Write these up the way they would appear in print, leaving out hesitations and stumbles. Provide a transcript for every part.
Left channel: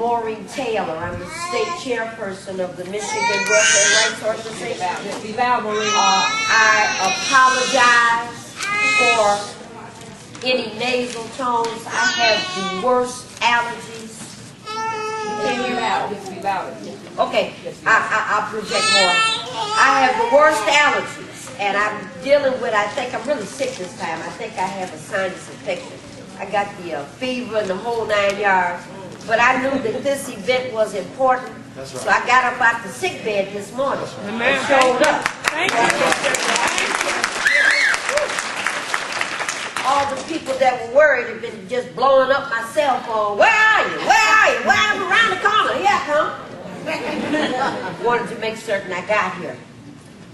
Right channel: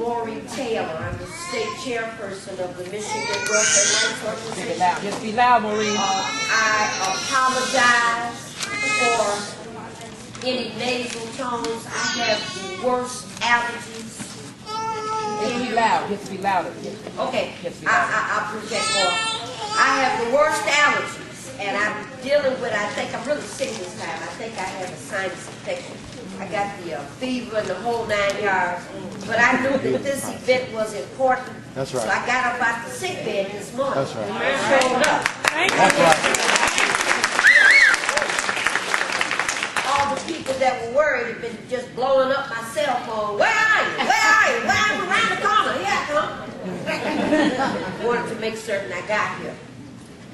Maureen Taylor. I'm the state chairperson of the Michigan Welfare Rights Organization. I apologize for any nasal tones. I have the worst allergies. You can't hear me? Okay, I'll project more. I have the worst allergies, and I'm dealing with, I think I'm really sick this time. I think I have a sinus infection. I got the fever and the whole 9 yards. But I knew that this event was important, so I got up out the sick bed this morning and showed up. Thank you. All the people that were worried have been just blowing up my cell phone. Where are you? Where are you? Well, I'm around the corner. Here I come. Wanted to make certain I got here.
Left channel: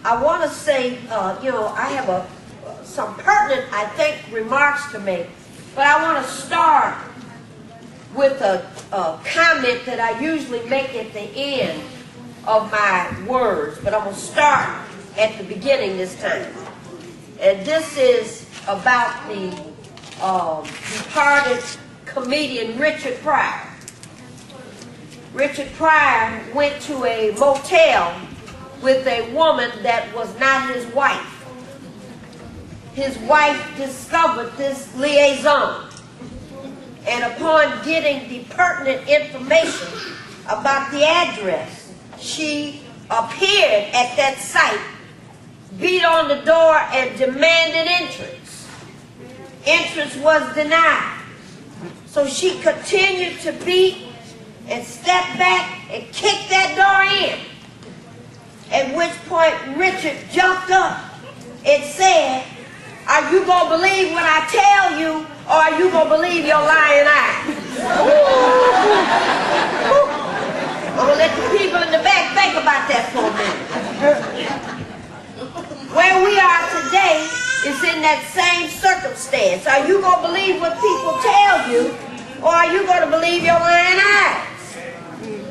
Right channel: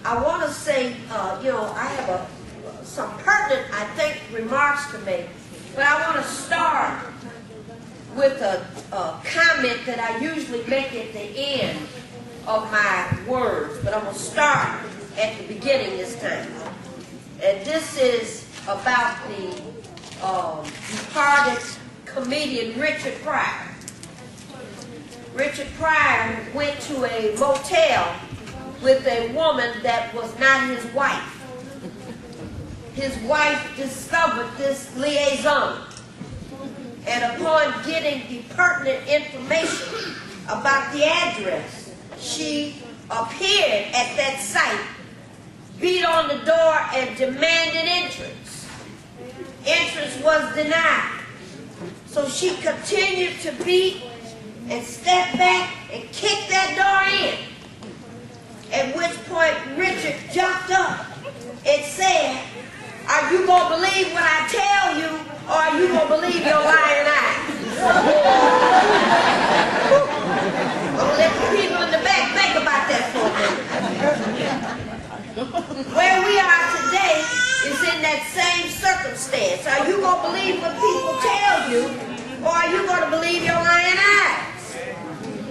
I want to say, I have some pertinent, I think, remarks to make, but I want to start with a comment that I usually make at the end of my words, but I'm going to start at the beginning this time. And this is about the departed comedian Richard Pryor. Richard Pryor went to a motel with a woman that was not his wife. His wife discovered this liaison. And upon getting the pertinent information about the address, she appeared at that site, beat on the door, and demanded entrance. Entrance was denied. So she continued to beat and step back and kick that door in. At which point Richard jumped up and said, "Are you going to believe what I tell you, or are you going to believe your lying eyes?" I'm going to let the people in the back think about that for a minute. Where we are today is in that same circumstance. Are you going to believe what people tell you, or are you going to believe your lying eyes?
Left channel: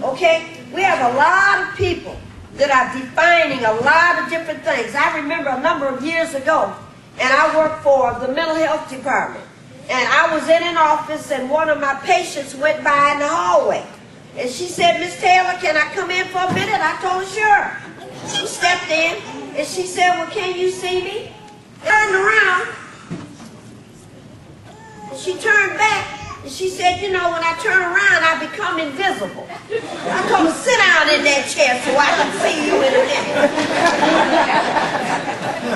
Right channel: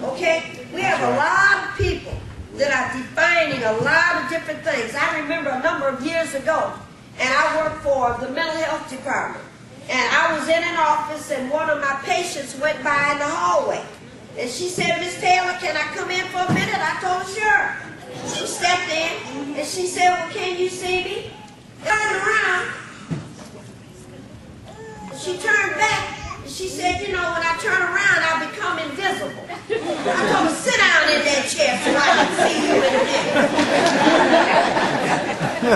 Okay? We have a lot of people that are defining a lot of different things. I remember a number of years ago, and I worked for the mental health department. And I was in an office, and one of my patients went by in the hallway. And she said, "Miss Taylor, can I come in for a minute?" I told her, "Sure." She stepped in, and she said, "Well, can you see me?" Turned around, and she turned back, and she said, "You know, when I turn around, I become invisible." I told her, "Sit down in that chair so I can see you in a minute."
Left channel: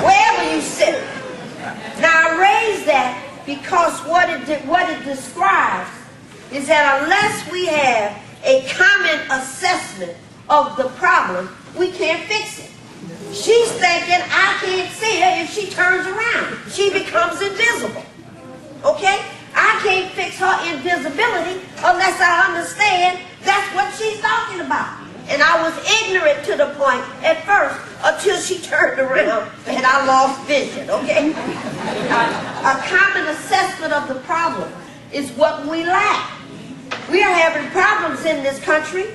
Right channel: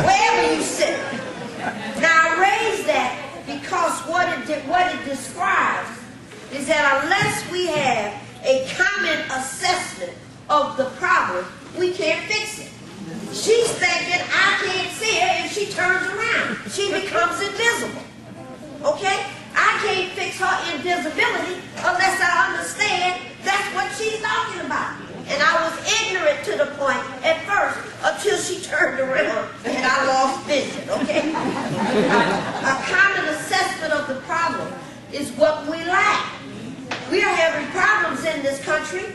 Wherever you sit. Now, I raised that because what it describes is that unless we have a common assessment of the problem, we can't fix it. She's thinking, I can't see her if she turns around. She becomes invisible. Okay? I can't fix her invisibility unless I understand that's what she's talking about. And I was ignorant to the point at first until she turned around and I lost vision, okay? A common assessment of the problem is what we lack. We are having problems in this country.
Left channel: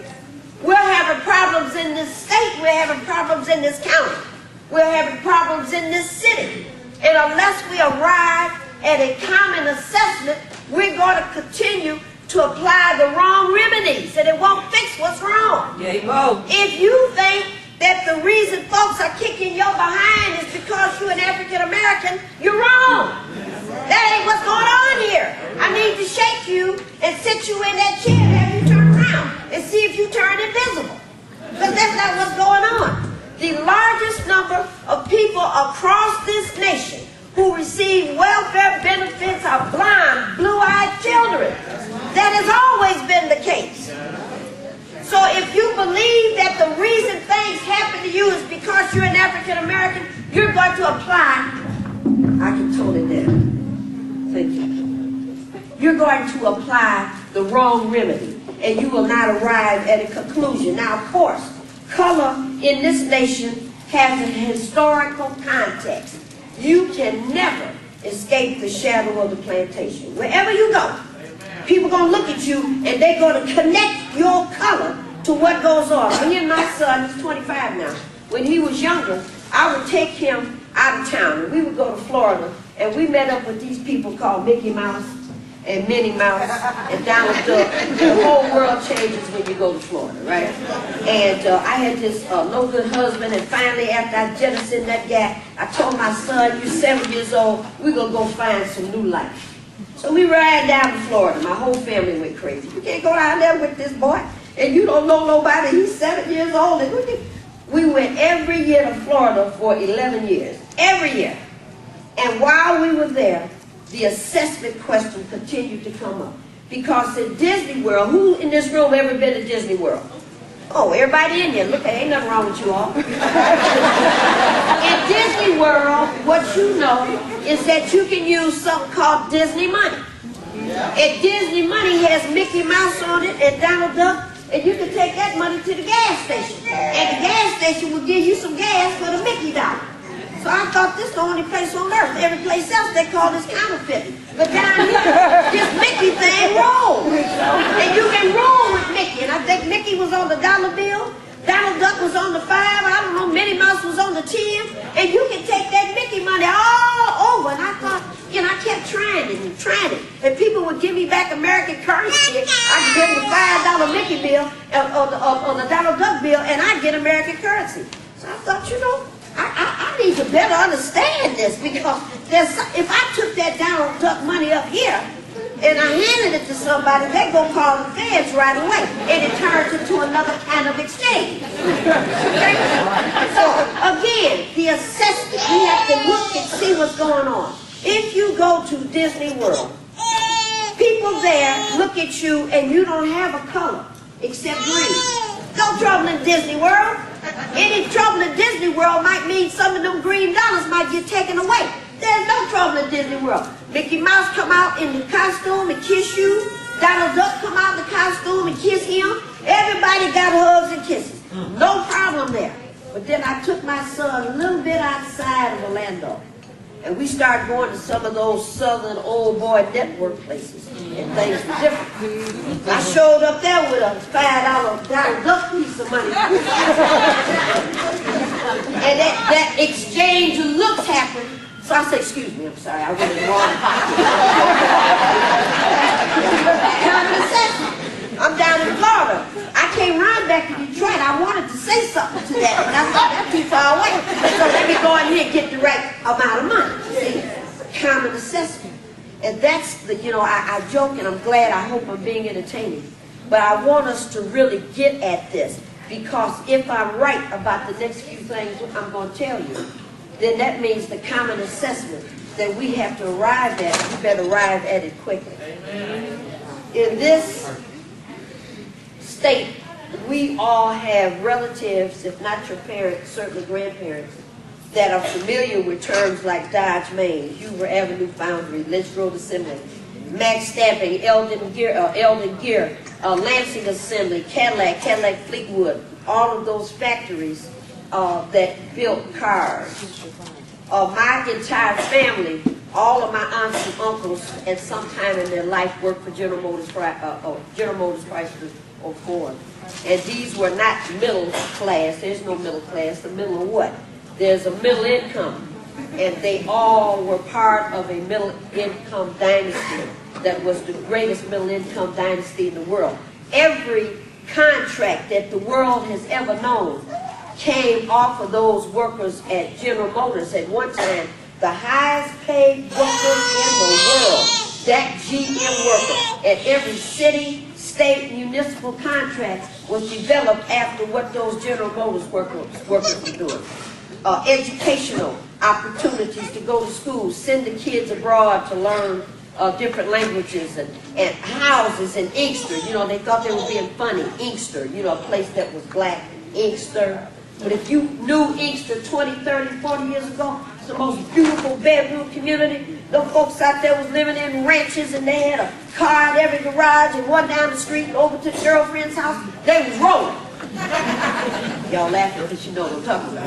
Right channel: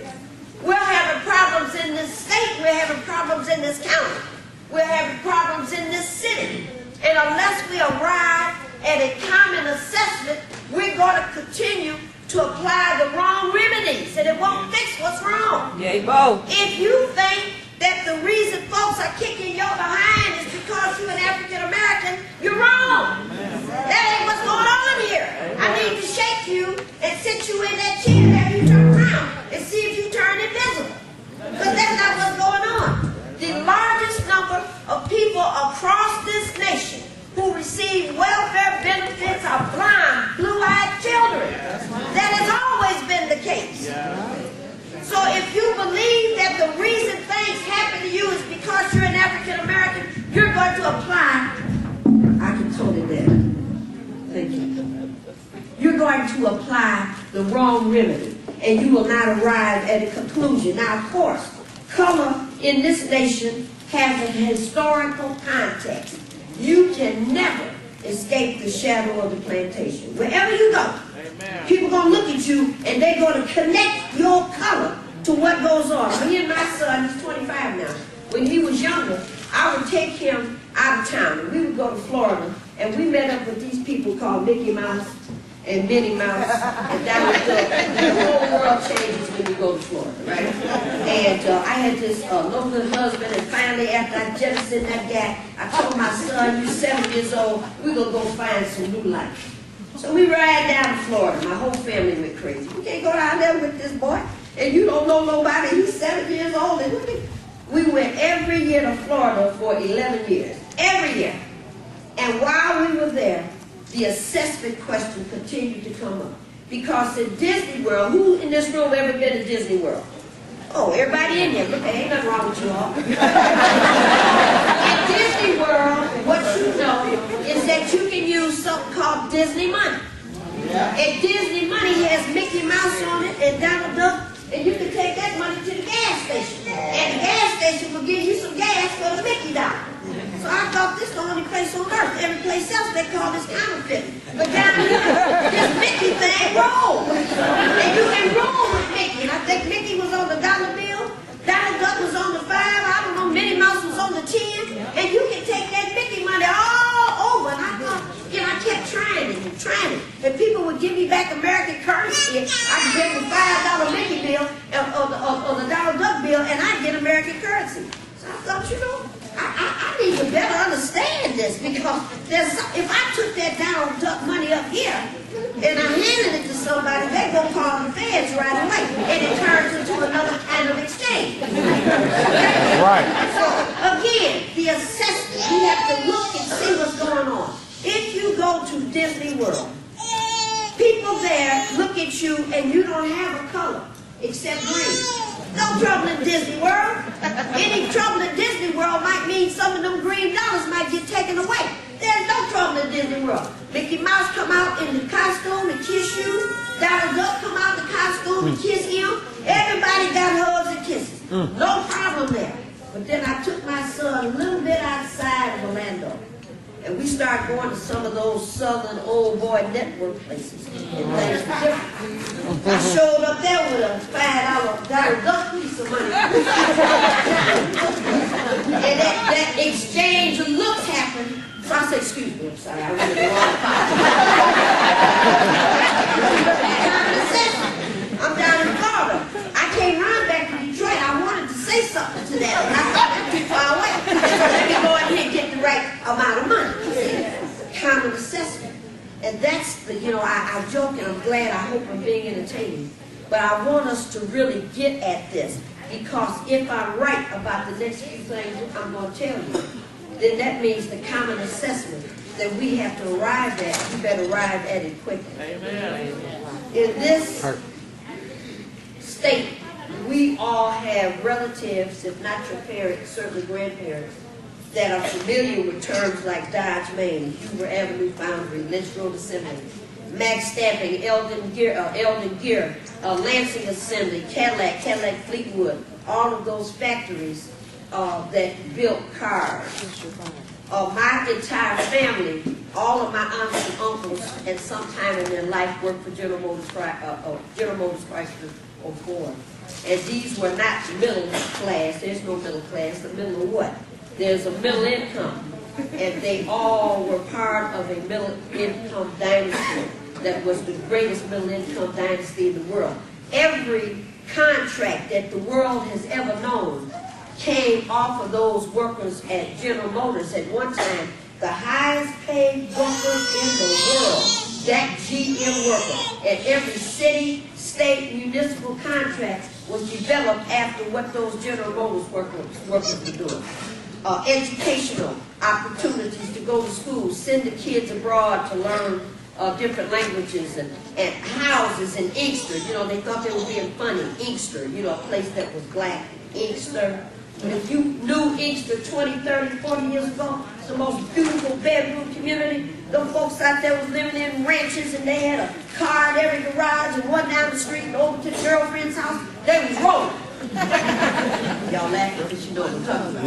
We're having problems in this state. We're having problems in this county. We're having problems in this city. And unless we arrive at a common assessment, we're going to continue to apply the wrong remedies, and it won't fix what's wrong. If you think that the reason folks are kicking your behind is because you're an African American, you're wrong. That ain't what's going on here. I need to shake you and sit you in that chair and have you turn around and see if you turn invisible. Because that's not what's going on. The largest number of people across this nation who receive welfare benefits are blind, blue-eyed children. That has always been the case. So if you believe that the reason things happen to you is because you're an African American, you're going to apply, I can tone it down. Thank you. You're going to apply the wrong remedy, and you will not arrive at a conclusion. Now, of course, color in this nation has a historical context. You can never escape the shadow of the plantation. Wherever you go, people are going to look at you and they're going to connect your color to what goes on. Well, here's my son, he's 25 now. When he was younger, I would take him out of town and we would go to Florida and we met up with these people called Mickey Mouse. and Minnie Mouse and Donald Duck. The whole world changes when you go to Florida, right? And I had this no good husband, and finally after I jettisoned that guy, I told my son, "You 7 years old, we're going to go find some new life." So we ride down to Florida. My whole family went crazy. You can't go down there with this boy, and you don't know nobody. He's 7 years old. And we went every year to Florida for 11 years. Every year. And while we were there, the assessment question continued to come up. Because in Disney World, who in this room ever been to Disney World? Oh, everybody in here. Look, ain't nothing wrong with you all. In Disney World, what you know is that you can use something called Disney money. And Disney money has Mickey Mouse on it and Donald Duck, and you can take that money to the gas station. And the gas station will give you some gas for the Mickey dollar. So I thought this is the only place on earth. Every place else they call this counterfeit. But down here, this Mickey thing rolls. And you can roll with Mickey. And I think Mickey was on the dollar bill. Donald Duck was on the 5. I don't know, Minnie Mouse was on the 10. And you can take that Mickey money all over. And I thought, you know, I kept trying it and trying it. And people would give me back American currency. And I could give them a $5 Mickey bill or the Donald Duck bill, and I'd get American currency. So I thought, you know, I need to better understand this, because if I took that Donald Duck money up here and I handed it to somebody, they're going to call the feds right away, and it turns into another kind of exchange. Okay? So again, the assessment, we have to look and see what's going on. If you go to Disney World, people there look at you and you don't have a color except green. No trouble in Disney World. Any trouble in Disney World might mean some of them green dollars might get taken away. There's no trouble in Disney World. Mickey Mouse come out in the costume and kiss you. Donald Duck come out in the costume and kiss him. Everybody got hugs and kisses. No problem there. But then I took my son a little bit outside of Orlando. And we started going to some of those southern old boy network places, and things were different. I showed up there with a $5 Donald Duck piece of money. And that exchange of looks happened. So I said, "Excuse me, I'm sorry, I went in the wrong pocket." I'm down in Florida. I came running back to Detroit. I wanted to say something to that, and I thought that's too far away. And so let me go in here and get the right amount of money. See? Common assessment. And that's the, you know, I joke, and I'm glad, I hope I'm being entertaining. But I want us to really get at this, because if I'm right about the next few things I'm going to tell you, then that means the common assessment that we have to arrive at, we better arrive at it quickly. In this state, we all have relatives, if not your parents, certainly grandparents, that are familiar with terms like Dodge Main, Hoover Avenue Foundry, Lynch Road Assembly, Max Stamping, Eldon Gear, Lansing Assembly, Cadillac Fleetwood, all of those factories that built cars. My entire family, all of my aunts and uncles, at some time in their life worked for General Motors, Chrysler, or Ford. And these were not middle class. There's no middle class. The middle of what? There's a middle income. And they all were part of a middle income dynasty that was the greatest middle income dynasty in the world. Every contract that the world has ever known came off of those workers at General Motors. At one time, the highest paid workers in the world, that GM worker, at every city, state, municipal contract was developed after what those General Motors workers were doing. Educational opportunities to go to school, send the kids abroad to learn different languages, and houses in Inkster. You know, they thought they were being funny. Inkster, you know, a place that was black. Inkster. But if you knew Inkster 20, 30, 40 years ago, it's the most beautiful bedroom community. Those folks out there was living in ranches, and they had a car in every garage, and one down the street and over to the girlfriend's house. They was rolling. Y'all laughing because you know what I'm talking about.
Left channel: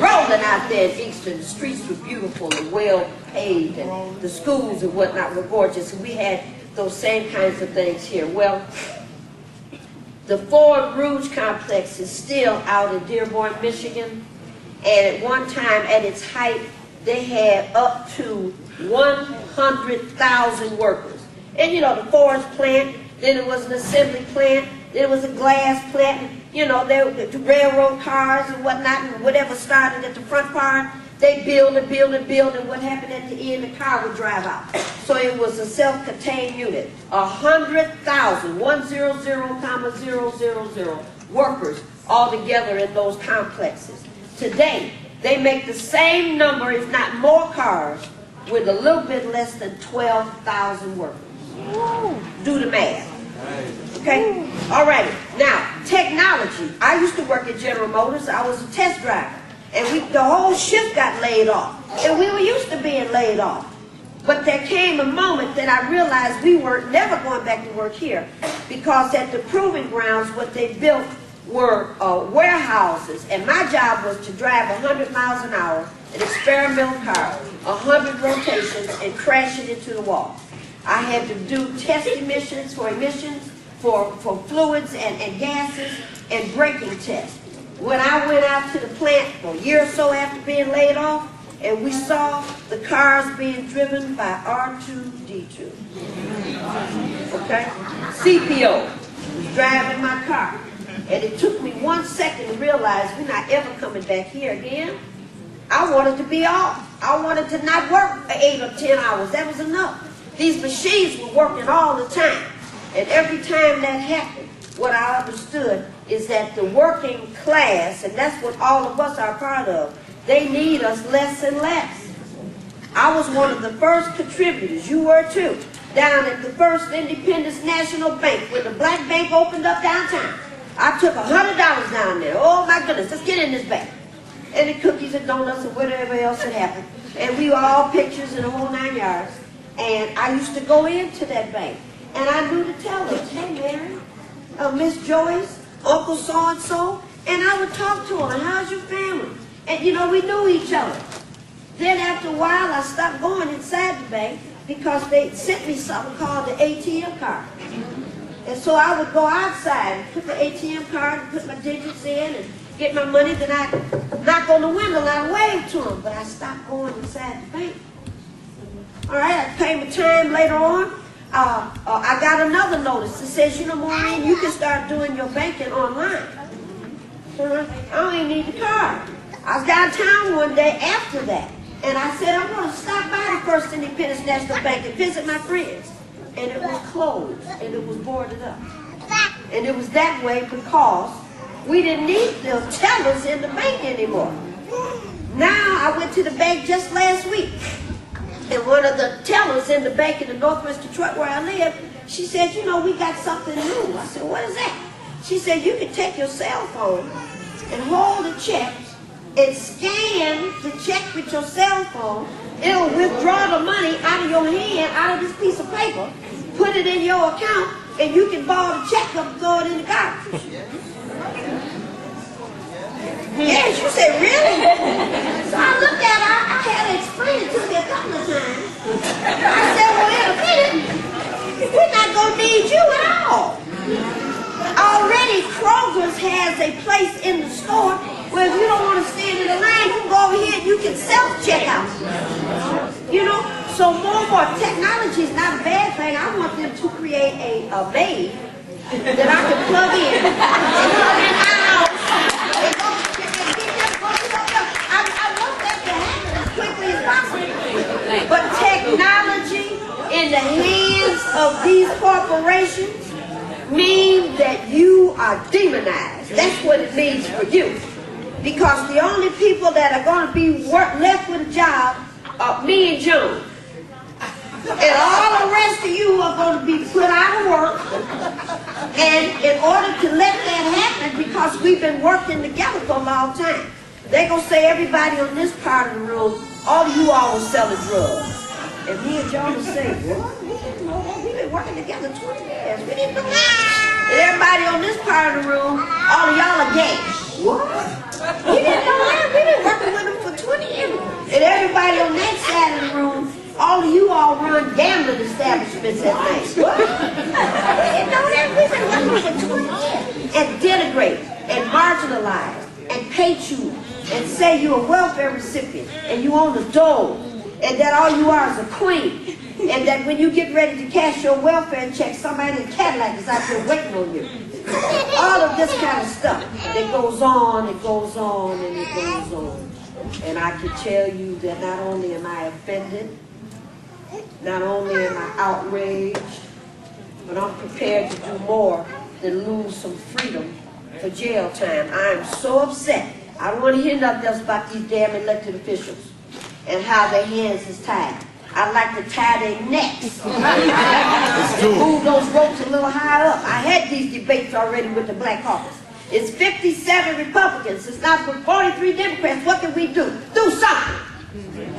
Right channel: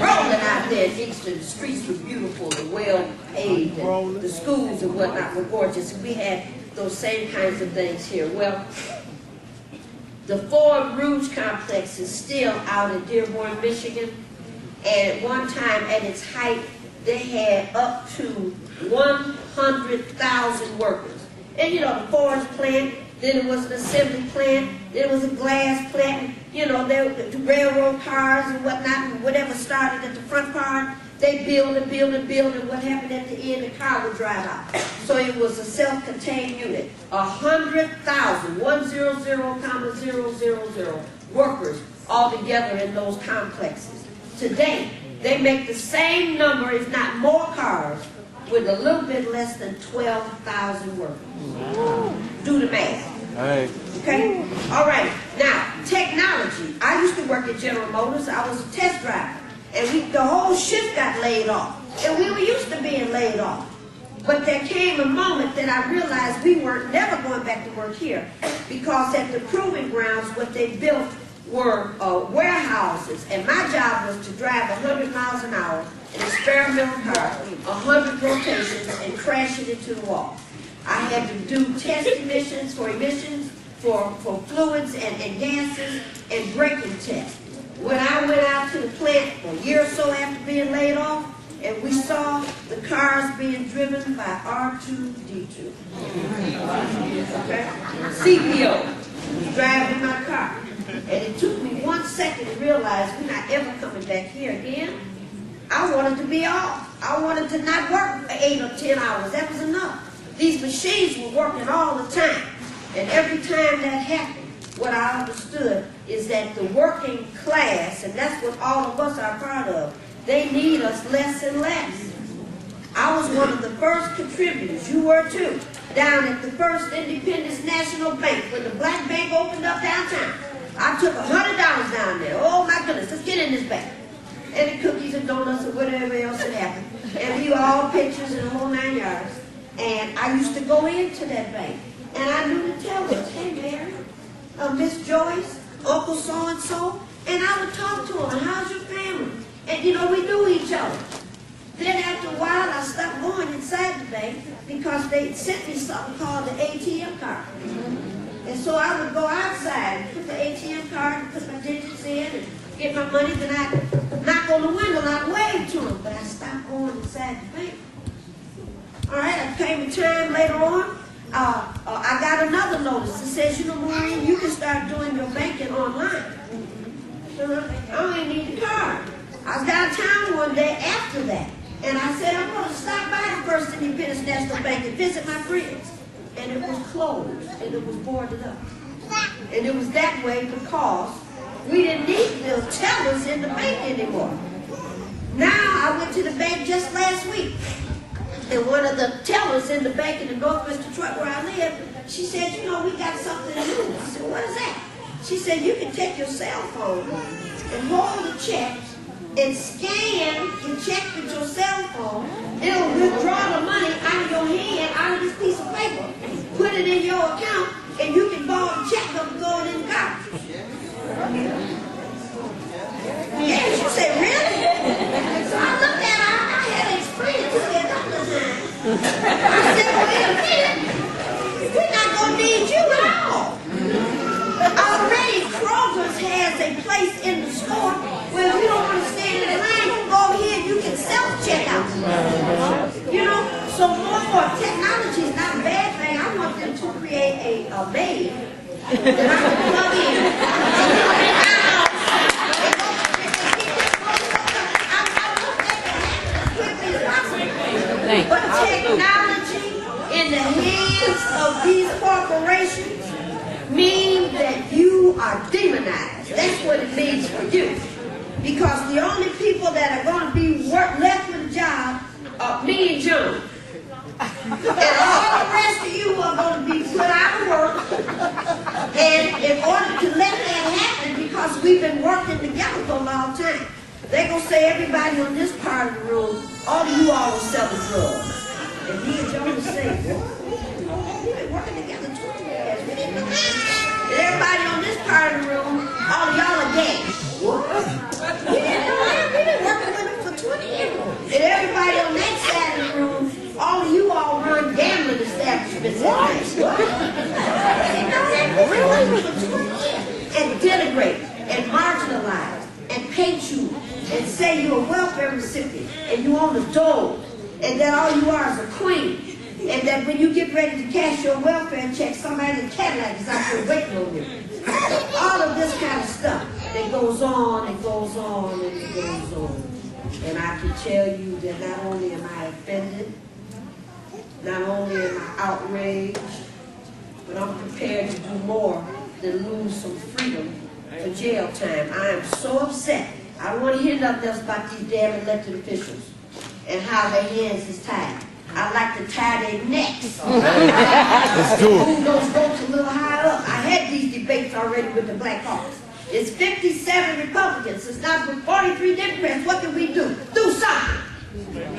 Rolling out there in Inkster. The streets were beautiful and well paved, and the schools and whatnot were gorgeous. And we had those same kinds of things here. Well, the Ford Rouge complex is still out in Dearborn, Michigan. And at one time, at its height, they had up to 100,000 workers. And you know, the forest plant, then it was an assembly plant, then it was a glass plant, you know, the railroad cars and whatnot, and whatever started at the front part, they build and build and build, and what happened at the end, the car would drive out. So it was a self-contained unit. 100,000, 100,000 workers all together in those complexes. Today, they make the same number, if not more cars, with a little bit less than 12,000 workers. Do the math. Okay? All right. Now, technology. I used to work at General Motors. I was a test driver. And the whole shift got laid off. And we were used to being laid off. But there came a moment that I realized we weren't never going back to work here. Because at the proving grounds, what they built were warehouses. And my job was to drive 100 miles an hour, an experimental car, 100 rotations, and crash it into the wall. I had to do test emissions, for fluids and gases, and braking tests. When I went out to the plant a year or so after being laid off, and we saw the cars being driven by R2-D2. Okay? CPO was driving my car. And it took me 1 second to realize we're not ever coming back here again. I wanted to be off. I wanted to not work for 8 or 10 hours. That was enough. These machines were working all the time. And every time that happened, what I understood is that the working class, and that's what all of us are part of, they need us less and less. I was one of the first contributors, you were too, down at the First Independence National Bank when the black bank opened up downtown. I took $100 down there. Oh my goodness, let's get in this bank. And the cookies and donuts and whatever else had happened. And we were all pictures in the whole 9 yards. And I used to go into that bank. And I knew the tellers, hey Mary, Miss Joyce, Uncle so-and-so. And I would talk to them, how's your family? And you know, we knew each other. Then after a while, I stopped going inside the bank because they sent me something called the ATM card. And so I would go outside and put the ATM card and put my digits in and get my money. Then I'd knock on the window and I'd wave to them. But I stopped going inside the bank. All right, it came a time later on. I got another notice that says, you know, Maureen, you can start doing your banking online. So I don't even need the card. I was downtown one day after that. And I said, I'm going to stop by the First Independence National Bank and visit my friends. And it was closed, and it was boarded up. And it was that way because we didn't need the tellers in the bank anymore. Now, I went to the bank just last week, and one of the tellers in the bank in the Northwest Detroit where I live, she said, you know, we got something new. I said, what is that? She said, you can take your cell phone and hold the check and scan the check with your cell phone. It'll withdraw the money out of your hand, out of this piece of paper, put it in your account, and you can borrow the check up and throw it in the garbage. Yes, you said, really? So I looked at her, I had to explain it to me a couple of times. I said, well, wait a minute, we're not going to need you at all. Already Kroger's has a place in the store where if you don't want to stand in the line, you can go over here and you can self-check out. You know, so more technology is not a bad thing. I want them to create a maid that I can plug in and put in my house and go get them I want that to happen as quickly as possible. But technology in the hands of these corporations means that you are demonized. That's what it means for you. Because the only people that are going to be left with a job are me and Joan. And all the rest of you are going to be put out of work. And in order to let that happen, because we've been working together for a long time, they're going to say everybody on this part of the room, all of you all were selling drugs. And me and Joan will say, what? We didn't know that. We've been working together 20 years. We didn't know that. And everybody on this part of the room, all of y'all are gay. What? We didn't know that. We've been working with them for 20 years. And everybody on that side of the room, all of you all run gambling establishments at night. What? We didn't know that. We've been working for 20 years. And denigrate, and marginalize, and paint you, and say you're a welfare recipient, and you own a dole, and that all you are is a queen. And that when you get ready to cash your welfare check, somebody in a Cadillac is out there waiting on you. All of this kind of stuff that goes on, it goes on, and it goes on. And I can tell you that not only am I offended, not only am I outraged, but I'm prepared to do more than lose some freedom for jail time. I am so upset. I don't want to hear nothing else about these damn elected officials and how their hands is tied. I like to tie their necks and move those ropes a little higher up. I had these debates already with the Black Caucus. It's 57 Republicans. It's not but 43 Democrats. What can we do? Do something.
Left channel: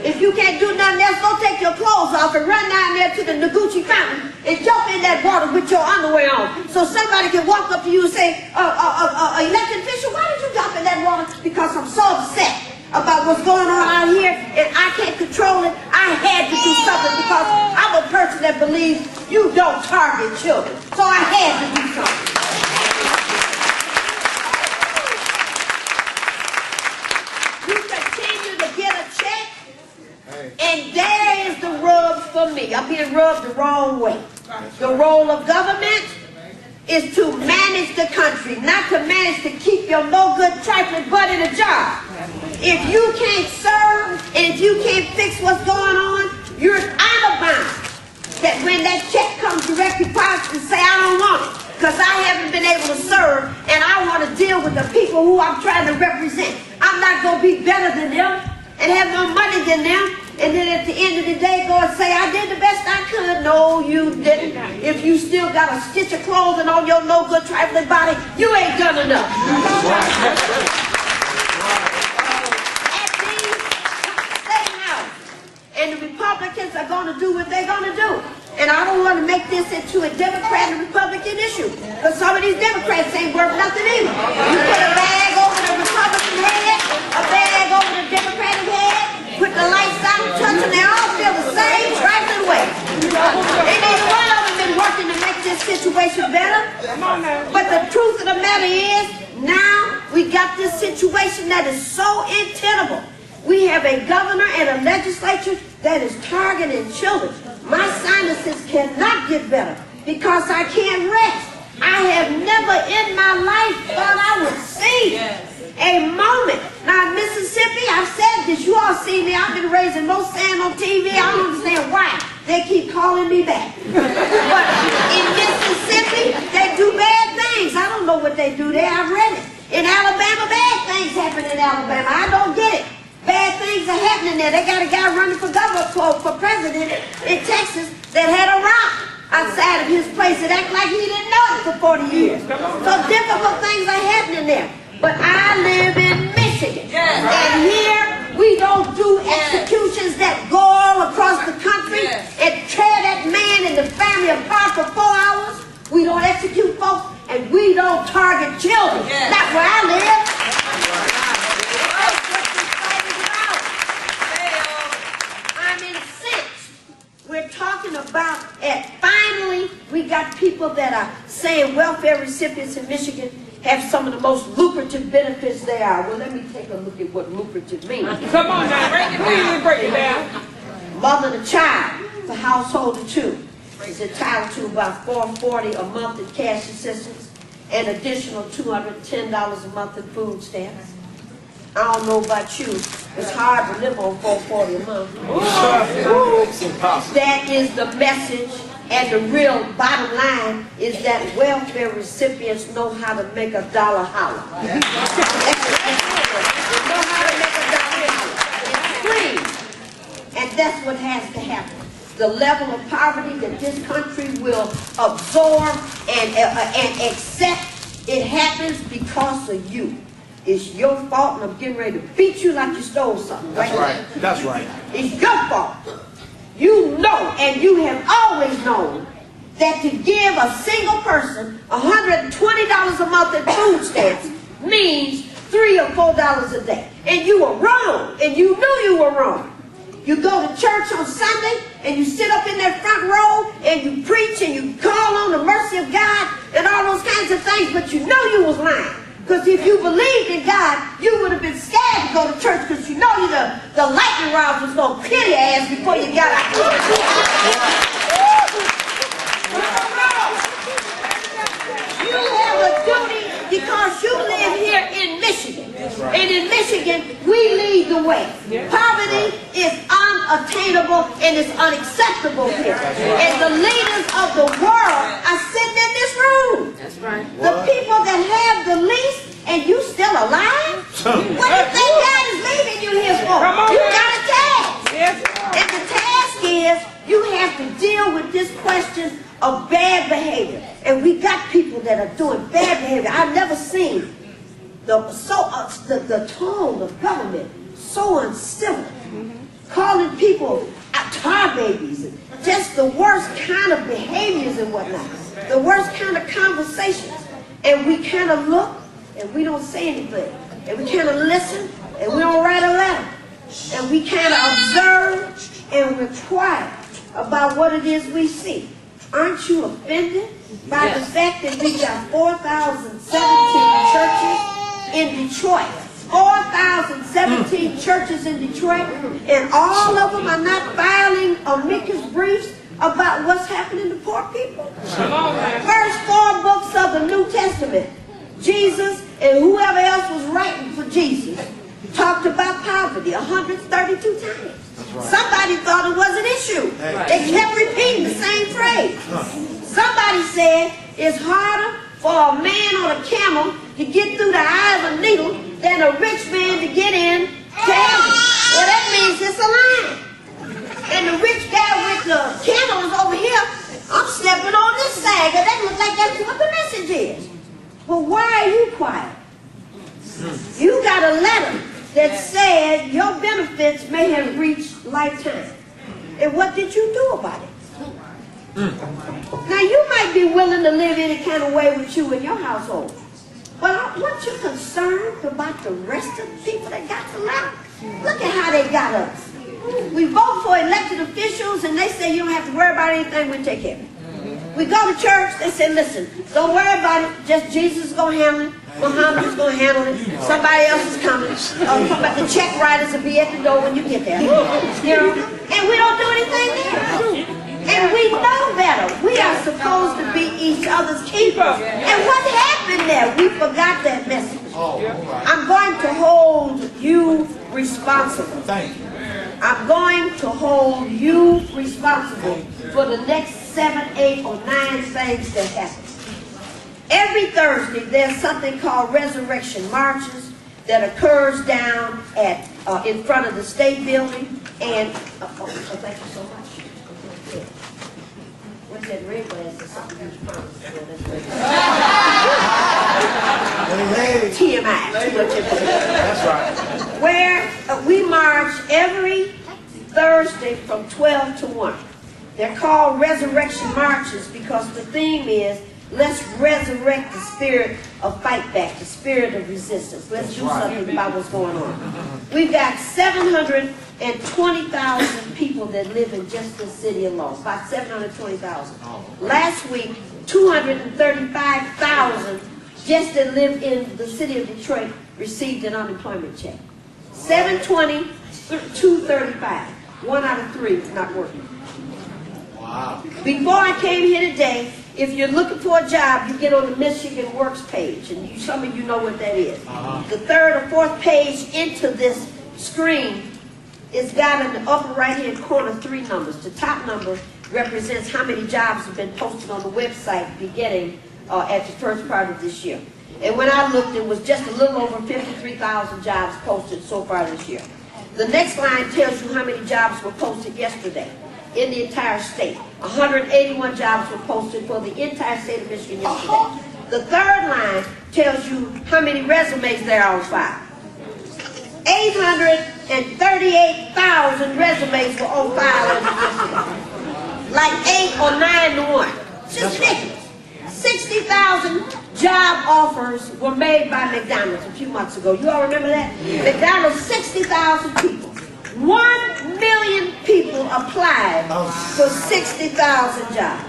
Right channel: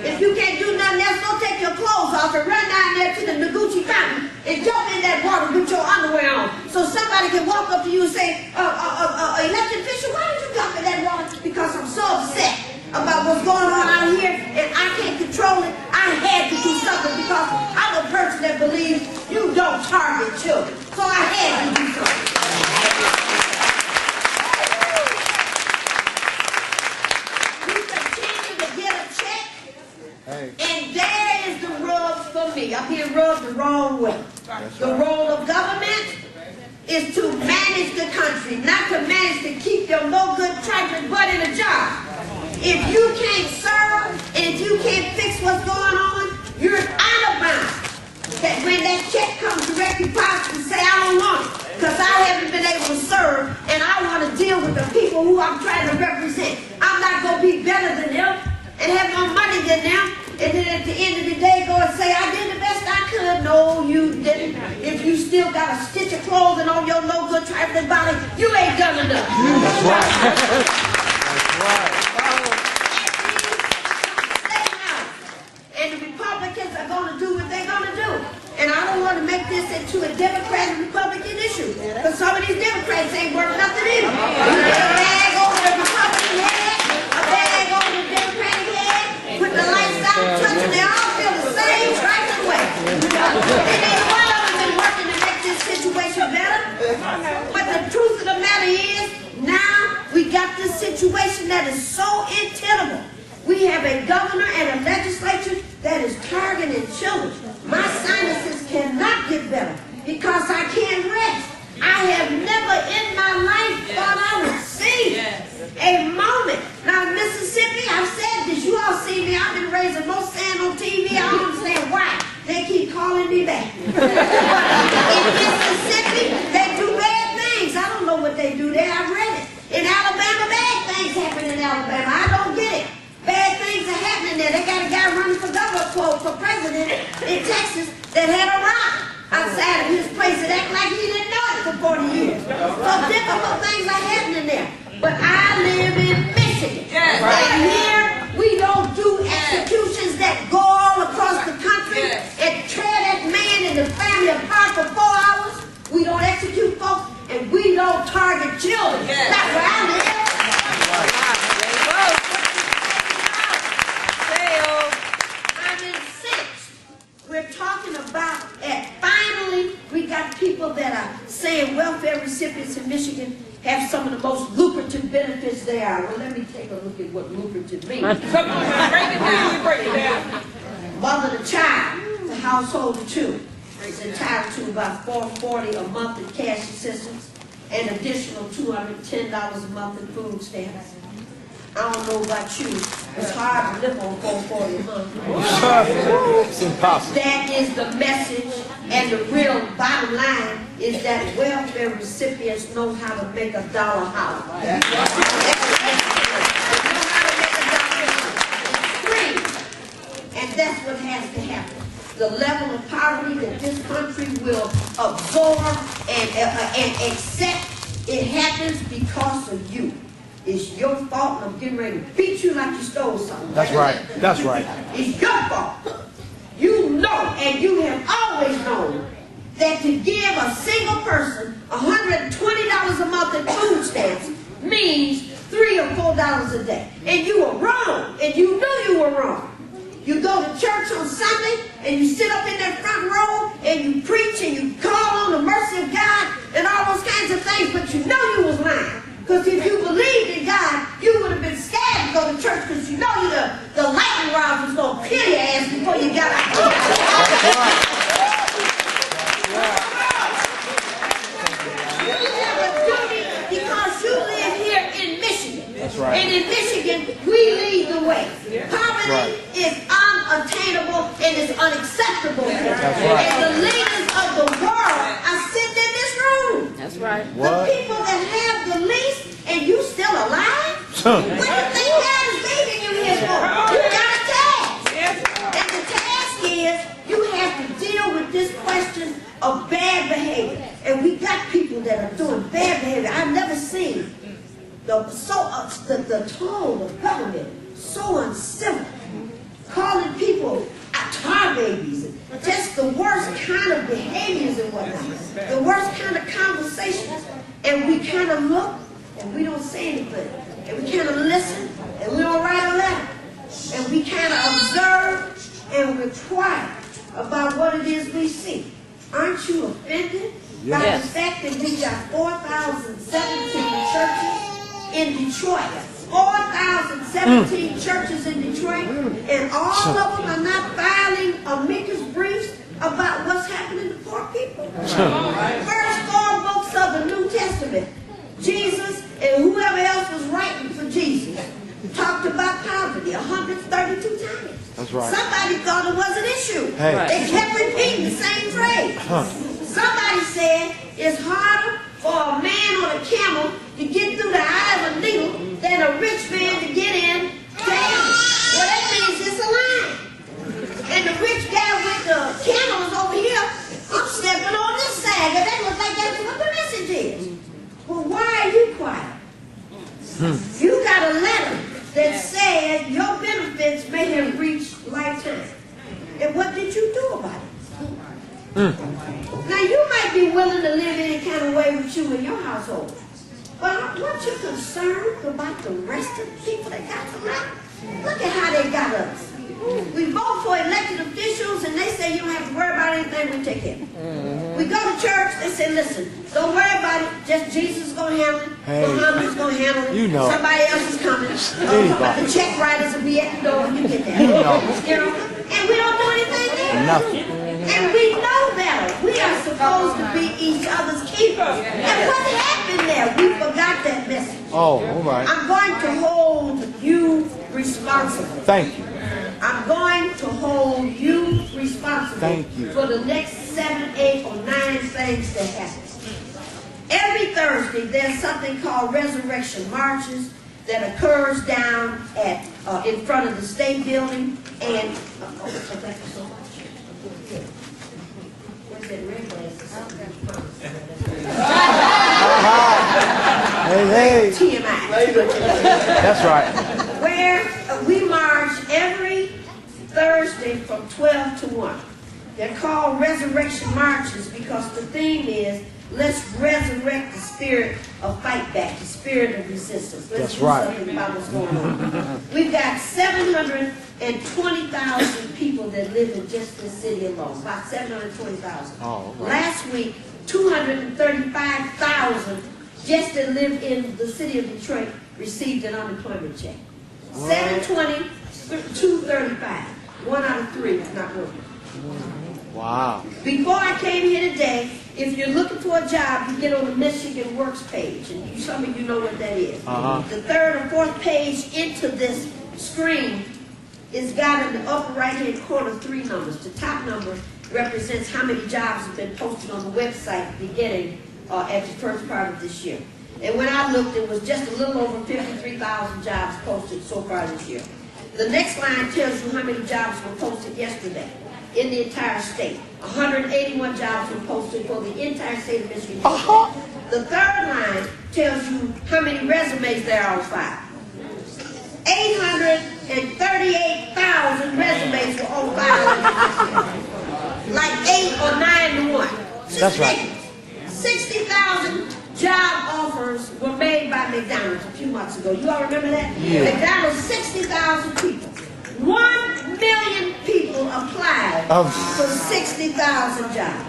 If you can't do nothing else, go take your clothes off and run down there to the Noguchi Fountain and jump in that water with your underwear on. So somebody can walk up to you and say, elected official, why did you jump in that water? Because I'm so upset about what's going on out here and I can't control it. I had to do something because I'm a person that believes you don't target children. So I had to do something. You continue to get a check and there is the rub for me. I'm being rubbed the wrong way. The role of government is to manage the country, not to manage to keep your no good trifling butt in a job. If you can't serve and if you can't fix what's going on, you're out of bounds. That when that check comes direct deposit and say, I don't want it because I haven't been able to serve and I want to deal with the people who I'm trying to represent. I'm not going to be better than them and have more money than them. And then at the end of the day, go and say, I did the best I could. No, you didn't. If you still got a stitch of clothing on your no good trifling body, you ain't done enough. And the Republicans are going to do what they're going to do. And I don't want to make this into a Democrat and Republican issue. Because some of these Democrats ain't worth nothing either. You put a bag over the Republican head, a bag over the Democratic head, put the lights out and touch them, they all feel the same trifling way. And neither one of them been working to make this situation better. But the truth of the matter is, now we got this situation that is so untenable. We have a governor and a legislature that is targeting children. My sinuses cannot get better because I can't rest. I have never in my life thought I would see a moment. Now in Mississippi, I've said this, you all see me, I've been raising no sand on TV. I don't understand why they keep calling me back. But in Mississippi, they do bad things. I don't know what they do there, I've read it. In Alabama, bad things happen in Alabama. I don't get it. Bad things are happening there. They got a guy running for governor, for president in Texas that had a rock outside of his place and act like he didn't know it for 40 years. So difficult things are happening there. But I live in Michigan. And here we don't do executions that go all across the country and tear that man and the family apart for 4 hours. We don't execute folks and we don't target children. Not where I live. We're talking about, and finally, we got people that are saying welfare recipients in Michigan have some of the most lucrative benefits they are. Well, let me take a look at what lucrative means. Come on now, break it down. Mother to child, the household of two, is entitled to about $440 a month in cash assistance, and additional $210 a month in food stamps. I don't know about you. It's hard to live on $440 a month. That is the message, and the real bottom line is that welfare recipients know how to make a dollar holler. They know how to make a dollar holler. It's free. And that's what has to happen. The level of poverty that this country will absorb and accept, it happens because of you. It's your fault, and I'm getting ready to beat you like you stole something, right? That's right. It's your fault. You know, and you have always known, that to give a single person $120 a month in food stamps means $3 or $4 a day. And you were wrong, and you knew you were wrong. You go to church on Sunday, and you sit up in that front row, and you preach, and you call on the mercy of God, and all those kinds of things, but you know you was lying. Because if you believed in God, you would have been scared to go to church because you know the lightning rods was going to kill your ass before you got out. And in Michigan, we lead the way. Poverty is unattainable and is unacceptable here. And the leaders of the world are sitting in this room. The people that have the least, and you still alive? What do you think God is leaving you here for? You got a task. And the task is you have to deal with this question of bad behavior. And we got people that are doing bad behavior. I've never seen the tone of government so uncivil, calling people tar babies, and just the worst kind of behaviors and whatnot, the worst kind of conversations. And we kind of look and we don't say anything, and we kind of listen and we don't write a letter, and we kind of observe and we're quiet about what it is we see. Aren't you offended by the fact that we got 4,017 churches in Detroit? 4,017 churches in Detroit, and all of them are not filing amicus briefs about what's happening to poor people. First 4 books of the New Testament, Jesus and whoever else was writing for Jesus talked about poverty 132 times. Somebody thought it was an issue. They kept repeating the same phrase. Somebody said it's harder for a man on a camel to get through the eye of a needle than a rich man to get in to heaven. Well, that means it's a line. And the rich guy with the camel is over here. I'm stepping on this side. That looks like that's what the message is. Well, why are you quiet? You got a letter that said your benefits may have reached lifetime. And what did you do about it? Now, you might be willing to live any kind of way with you in your household. But aren't you concerned about the rest of the people that got the letter? Look at how they got us. We vote for elected officials and they say you don't have to worry about anything, we'll take care of it. We go to church, they say, listen, don't worry about it, just Jesus is going to handle it, Muhammad is going to handle it, somebody else is coming. The check writers will be at the door when you get there. And we don't do anything there. And we know better. We are supposed to be each other's keepers. And what happened there? We forgot that message. I'm going to hold you responsible. Thank you. I'm going to hold you responsible for the next 7, 8, or 9 things that happen. Every Thursday, there's something called resurrection marches that occurs down at in front of the state building. And thank you so much. What's that red glass or something you promised? Yeah, that's TMI. That's right. Where we march every Thursday from 12 to 1. They're called resurrection marches because the theme is let's resurrect the spirit of fight back, the spirit of resistance. Let's do something about what's going on. We've got 720,000 people that live in just this city alone, about 720,000. Last week, 235,000 just that live in the city of Detroit received an unemployment check. 720, 235. 1 out of 3 is not working. Wow. Before I came here today, if you're looking for a job, you get on the Michigan Works page, and some of you know what that is. The 3rd or 4th page into this screen is got in the upper right-hand corner 3 numbers. The top number represents how many jobs have been posted on the website beginning at the first part of this year. And when I looked, it was just a little over 53,000 jobs posted so far this year. The next line tells you how many jobs were posted yesterday in the entire state. 181 jobs were posted for the entire state of Michigan yesterday. The 3rd line tells you how many resumes there are on file. 838,000 resumes were on file yesterday. Like 8 or 9 to 1. It's just ridiculous. 60,000 job offers were made by McDonald's a few months ago. You all remember that? Yeah. McDonald's, 60,000 people. 1 million people applied for 60,000 jobs.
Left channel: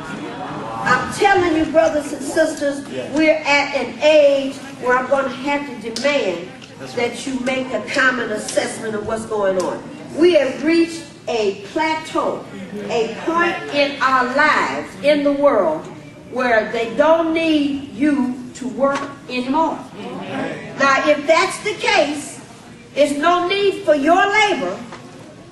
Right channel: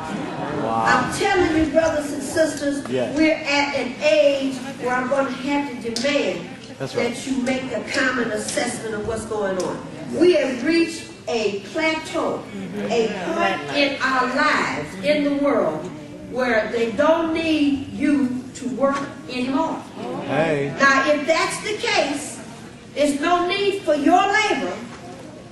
I'm telling you, brothers and sisters, we're at an age where I'm going to have to demand that you make a common assessment of what's going on. We have reached a plateau, a point in our lives, in the world, where they don't need you to work anymore. Now, if that's the case, There's no need for your labor.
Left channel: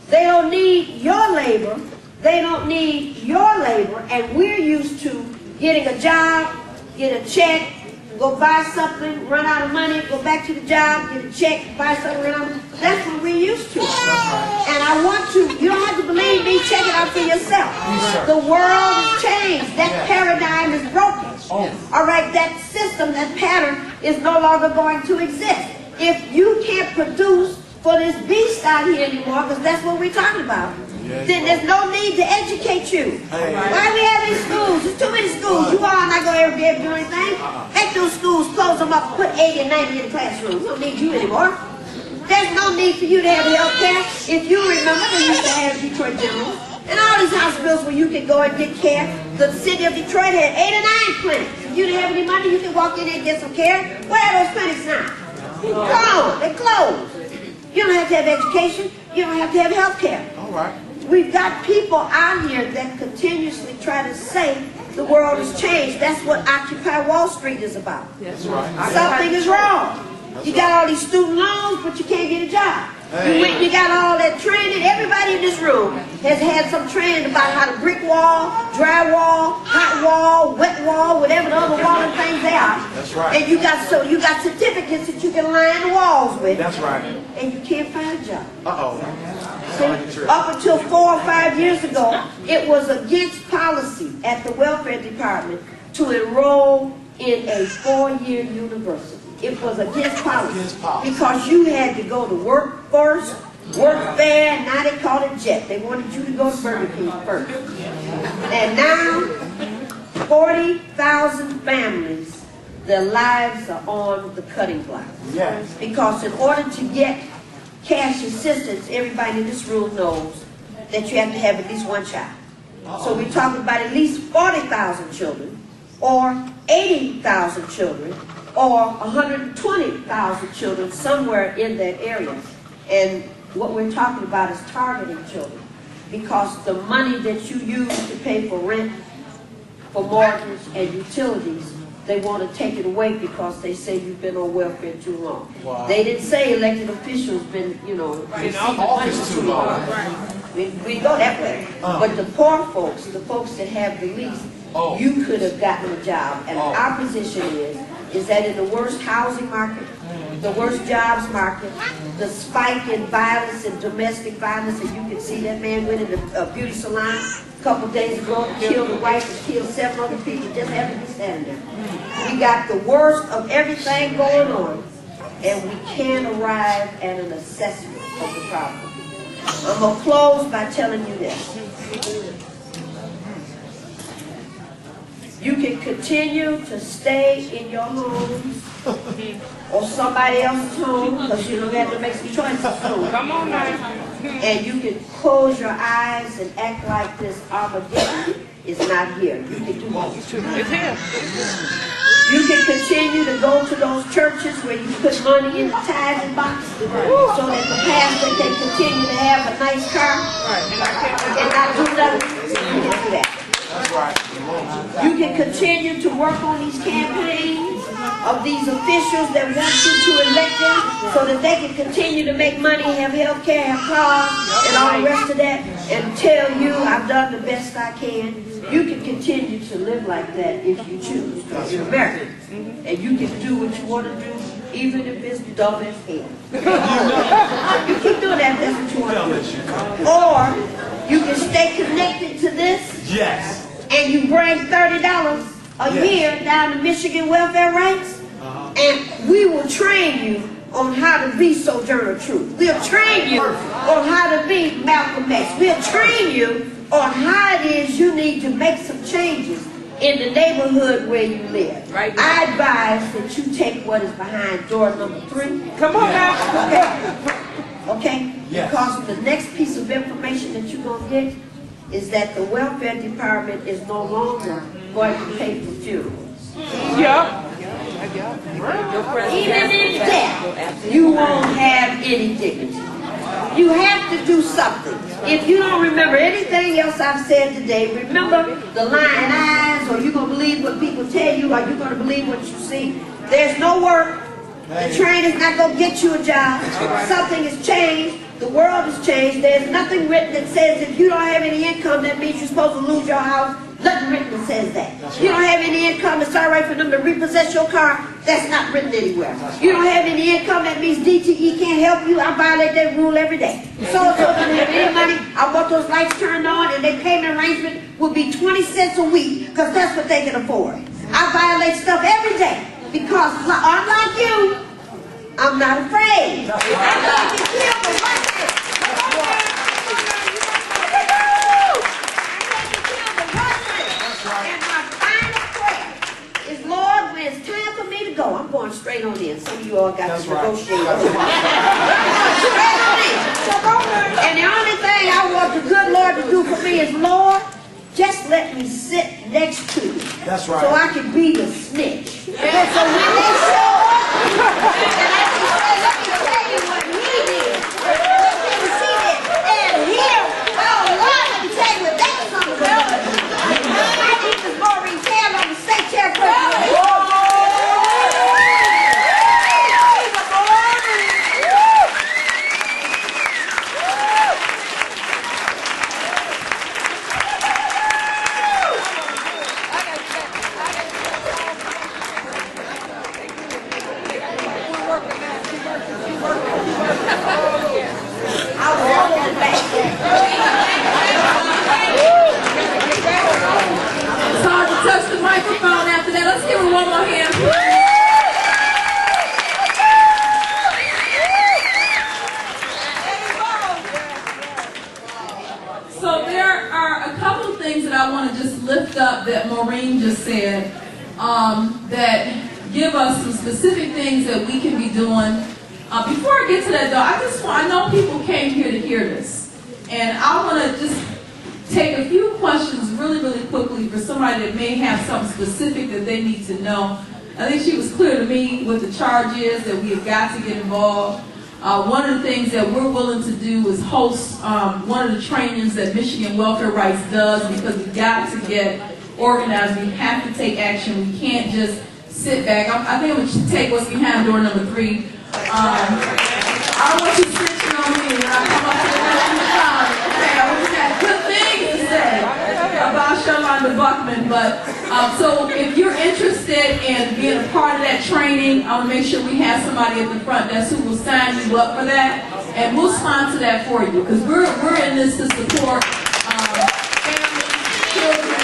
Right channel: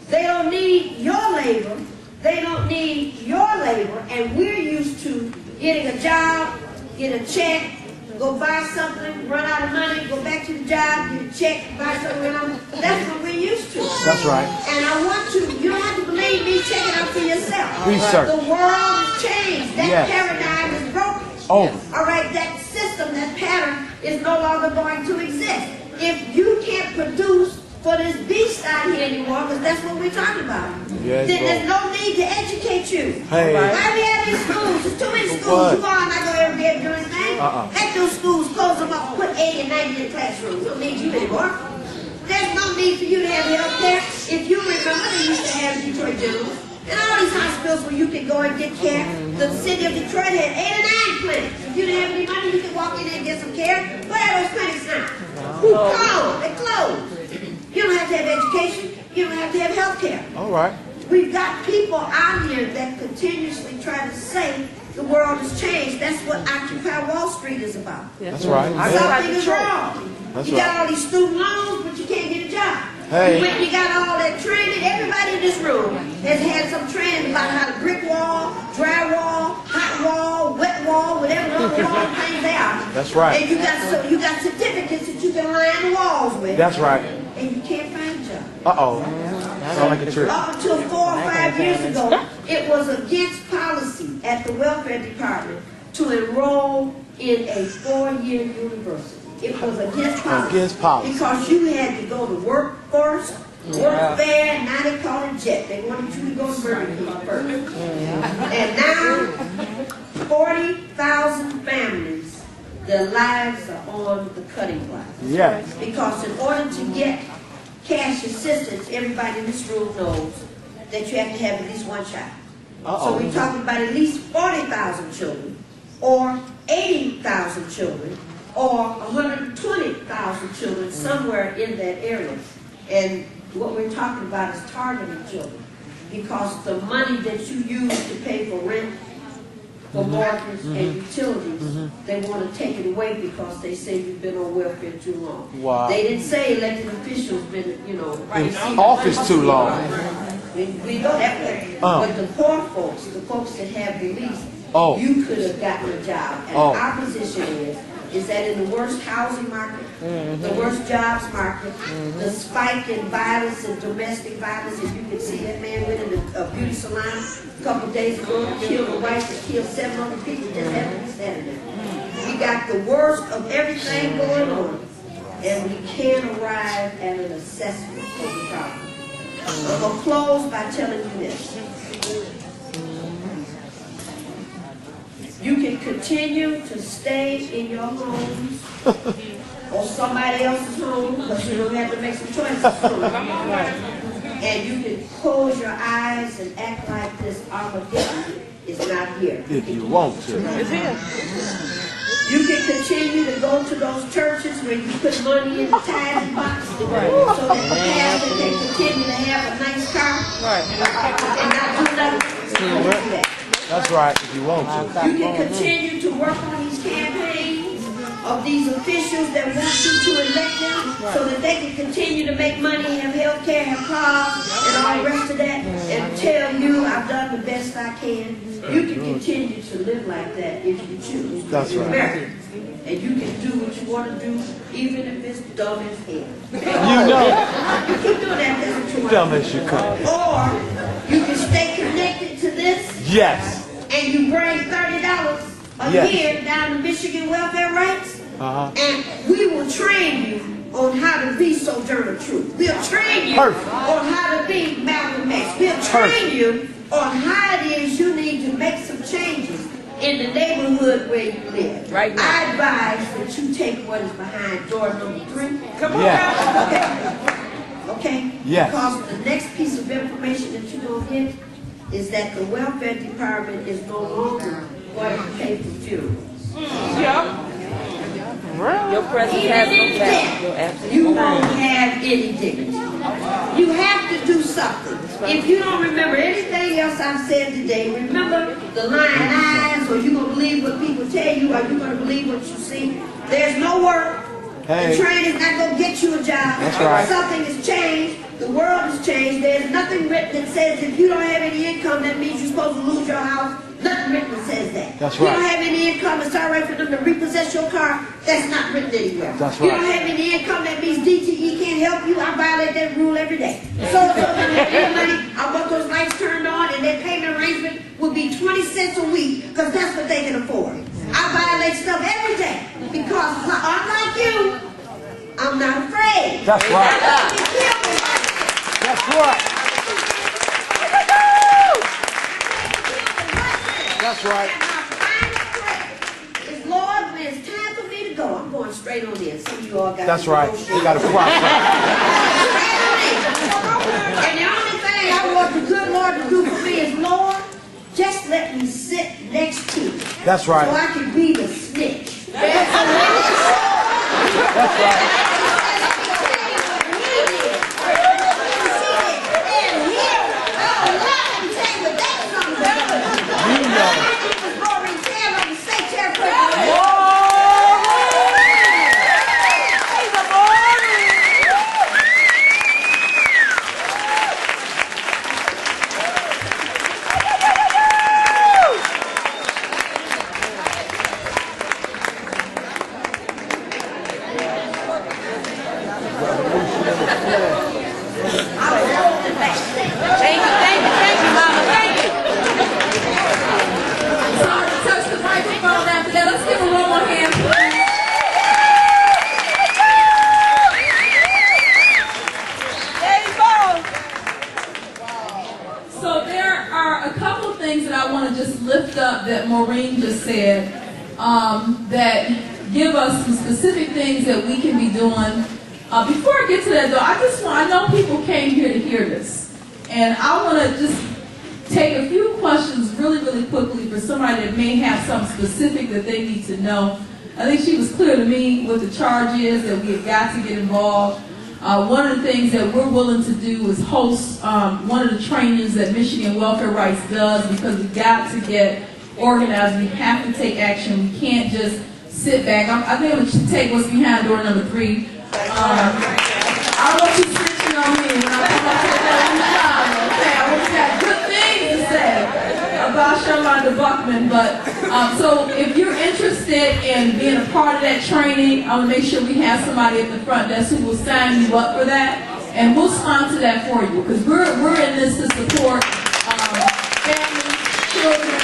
They don't need your labor. They don't need your labor. And we're used to getting a job, get a check, go buy something, run out of money, go back to the job, get a check, buy something, run out of money. That's what we're used to. That's right. And I want to, you don't have to believe me, check it out for yourself. Research. The world has changed. That paradigm is broken. Oh. All right, that system, that pattern is no longer going to exist. If you can't produce for this beast out here anymore, because that's what we're talking about, then there's no need to educate you. Hey. Why do we have these schools? There's too many schools. You all are not going to ever be able to do anything. Make those schools, close them up, put 80 and 90 in the classroom. We don't need you anymore. There's no need for you to have health care. If you remember, they used to have Detroit General and all these hospitals where you could go and get care. The city of Detroit had 8 or 9 clinics. If you didn't have any money, you could walk in there and get some care. Where are those clinics now? Gone. They're closed. You don't have to have education. You don't have to have health care. All right. We've got people out here that continuously try to say the world has changed. That's what Occupy Wall Street is about. That's right. Something is wrong. You got all these student loans, but you can't get a job. Hey. You went and you got all that training. Everybody in this room has had some training about how to brick wall, dry wall, hot wall, wet wall, whatever the other wall and things they are. That's right. And you got certificates that you can line the walls with. That's right. And you can't find a job. Uh-oh. Up until 4 or 5 years ago, it was against policy at the welfare department to enroll in a 4-year university. It was against policy. Against policy. Because you had to go to work first, work fair, now they call it JET. They wanted you to go to Burger King first. And now, 40,000 families, their lives are on the cutting block. Yes. Because in order to get cash assistance, everybody in this room knows that you have to have at least one child. So we're talking about at least 40,000 children, or 80,000 children, or 120,000 children, somewhere in that area. And what we're talking about is targeting children, because the money that you use to pay for rent, for mortgage and utilities, they want to take it away because they say you've been on welfare too long. Wow. They didn't say elected officials been, you know, In office too long. We go that way. But the poor folks, the folks that have the least, you could have gotten a job. And our position is that in the worst housing market, the worst jobs market, the spike in violence and domestic violence, and you can see that man went in a beauty salon a couple days ago and killed a wife and killed 7 other people just happened to be standing there. We got the worst of everything going on, and we can't arrive at an assessment of the problem. I'm going to close by telling you this. You can continue to stay in your homes or somebody else's home, because you don't have to make some choices soon. Come on now. And you can close your eyes and act like this Armageddon is not here. You can do it. It's here. You can continue to go to those churches where you put money in the tithing box so that the pastor can continue to have a nice car and not do nothing. You can do that. That's right. You can continue to work on these campaigns of these officials that want you to elect them so that they can continue to make money, have health care, have cars, and all the rest of that, and tell you I've done the best I can. You can continue to live like that if you choose, because you're American. And you can do what you want to do, even if it's dumb as hell. You keep doing that, that's what you want to do. Or you can stay connected to this. Yes. And you bring $30 a year down to Michigan welfare ranks, and we will train you on how to be Sojourner Truth. We'll train you on how to be Malcolm X. We'll train you on how it is you need to make some changes in the neighborhood where you live. I advise that you take what is behind door number 3. Come on now. Okay? Okay? Yes. Because the next piece of information that you're going to get is that the welfare department is no longer going to pay for funerals. Yep. Even in death, you won't have any dignity. You have to do something. If you don't remember anything else I've said today, remember the lying eyes, or you're going to believe what people tell you, or you're going to believe what you see. There's no work, The training's not going to get you a job. That's right. Something has changed. The world has changed. There's nothing written that says if you don't have any income, that means you're supposed to lose your house. Nothing written that says that. That's You right. don't have any income, it's all right for them to repossess your car. That's not written anywhere. That's You right. don't have any income, that means DTE can't help you. I violate that rule every day. So if you have any money, I want those lights turned on, and their payment arrangement will be 20 cents a week, because that's what they can afford. I violate stuff every day, because unlike you, I'm not afraid. That's right. I need to be killed for one thing. That's right. That's right. And my final prayer is, Lord, when it's time for me to go, I'm going straight on in. Some of you all got That's to right. negotiate. That's right. Straight on in. And the only thing I want the good Lord to do for me is, Lord, just let me sit next to you. That's right. So I can be the snitch. So when they show up, and I can say, let me tell you what he did. Let me see it. And here, oh Lord, let me tell you what that son of a gun. My name is Maureen. I'm the state chairperson. So there are a couple of things that I want to just lift up that Maureen just said that give us some specific things that we can be doing. Before I get to that though, I know people came here to hear this. And I want to just take a few questions really, really quickly for somebody that may have something specific that they need to know. I think she was clear to me what the charge is, that we have got to get involved. One of the things that we're willing to do is host one of the trainings that Michigan Welfare Rights does, because we've got to get organized. We have to take action. We can't just sit back. I think we should take what's behind door number 3. I want you snitching on me when I come up to the door. Okay, I always got good things to say about Sherlonda Buckman, but so if you're interested in being a part of that training, I want to make sure we have somebody at the front desk who will sign you up for that, and we'll sponsor that for you, because we're in this to support families, children,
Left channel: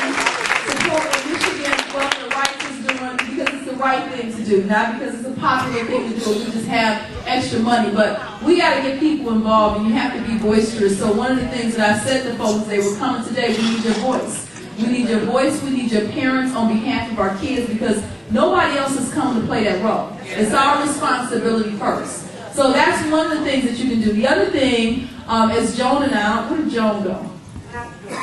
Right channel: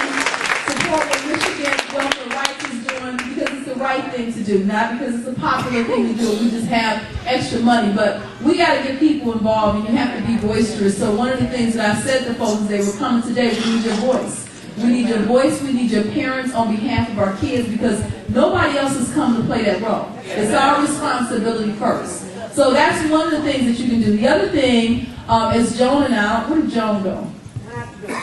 support what Michigan Welfare Rights is doing, because it's the right thing to do, not because it's a popular thing to do. We just have extra money, but we got to get people involved, and you have to be boisterous. So one of the things that I said to folks, they were coming today, we need your voice. We need your voice, we need your parents on behalf of our kids, because nobody else has come to play that role. It's our responsibility first. So that's one of the things that you can do. The other thing is Joan and I, where did Joan go?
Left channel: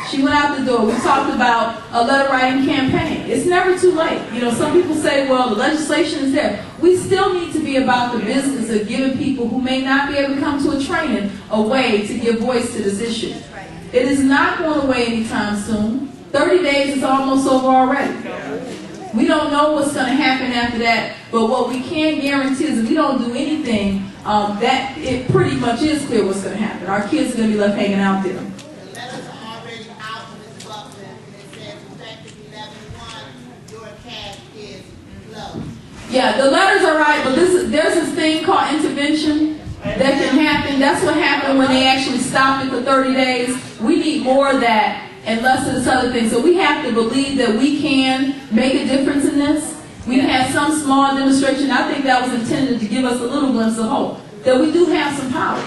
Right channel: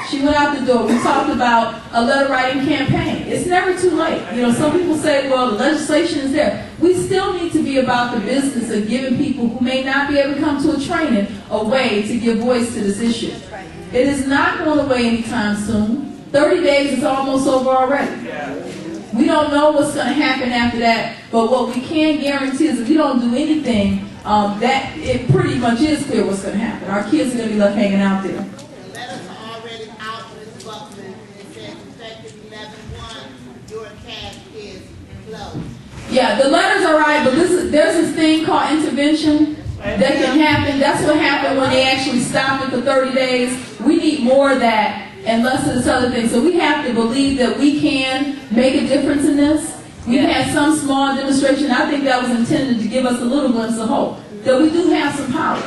She went out the door. We talked about a letter writing campaign. It's never too late. You know, some people say, well, the legislation is there. We still need to be about the business of giving people who may not be able to come to a training a way to give voice to this issue. It is not going away anytime soon. 30 days is almost over already. We don't know what's going to happen after that, but what we can guarantee is if we don't do anything, that it pretty much is clear what's going to happen. Our kids are going to be left hanging out there. Yeah, the letters are right, but there's this thing called intervention that can happen. That's what happened when they actually stopped it for 30 days. We need more of that and less of this other thing. So we have to believe that we can make a difference in this. We've had some small demonstration. I think that was intended to give us a little glimpse of hope, that we do have some power.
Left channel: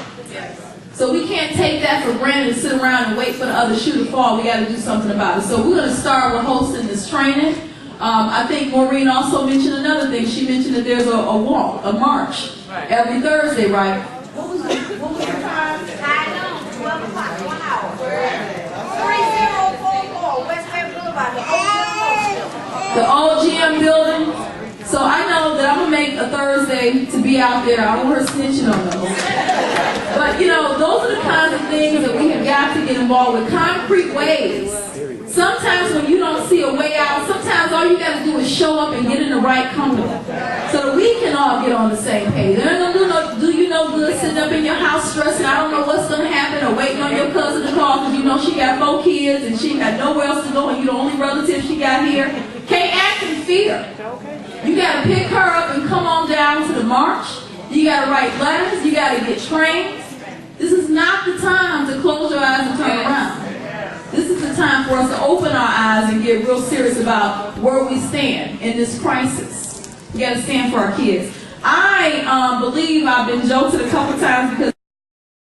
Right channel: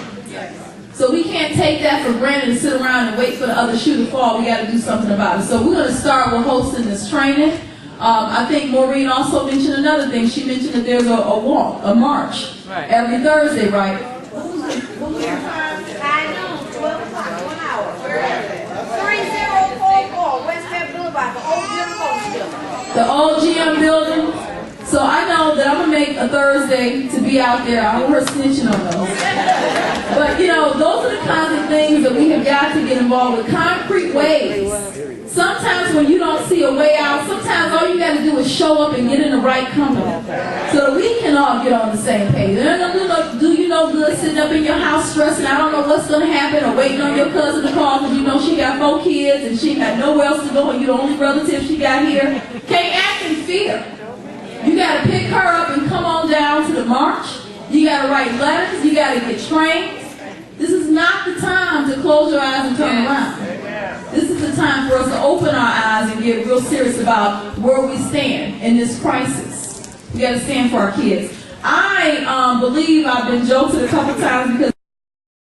So we can't take that for granted and sit around and wait for the other shoe to fall. We got to do something about it. So we're going to start with hosting this training. I think Maureen also mentioned another thing. She mentioned that there's a walk, a march, every Thursday, right? What was the time? 12 o'clock, 1 hour. 3044 West End Boulevard, The old GM building. So I know that I'm going to make a Thursday to be out there. I don't want her snitching on us. But, you know, those are the kinds of things that we have got to get involved with. Concrete ways. Sometimes when you don't see a way out, sometimes all you got to do is show up and get in the right company so that we can all all get on the same page. They're not gonna do you no good sitting up in your house stressing, I don't know what's going to happen, or waiting on your cousin to call because you know she got 4 kids and she got nowhere else to go and you're the only relative she got here. Can't act in fear. You got to pick her up and come on down to the march. You got to write letters. You got to get trained. This is not the time to close your eyes and turn around. This is the time for us to open our eyes and get real serious about where we stand in this crisis. We got to stand for our kids. I believe I've been joked a couple times because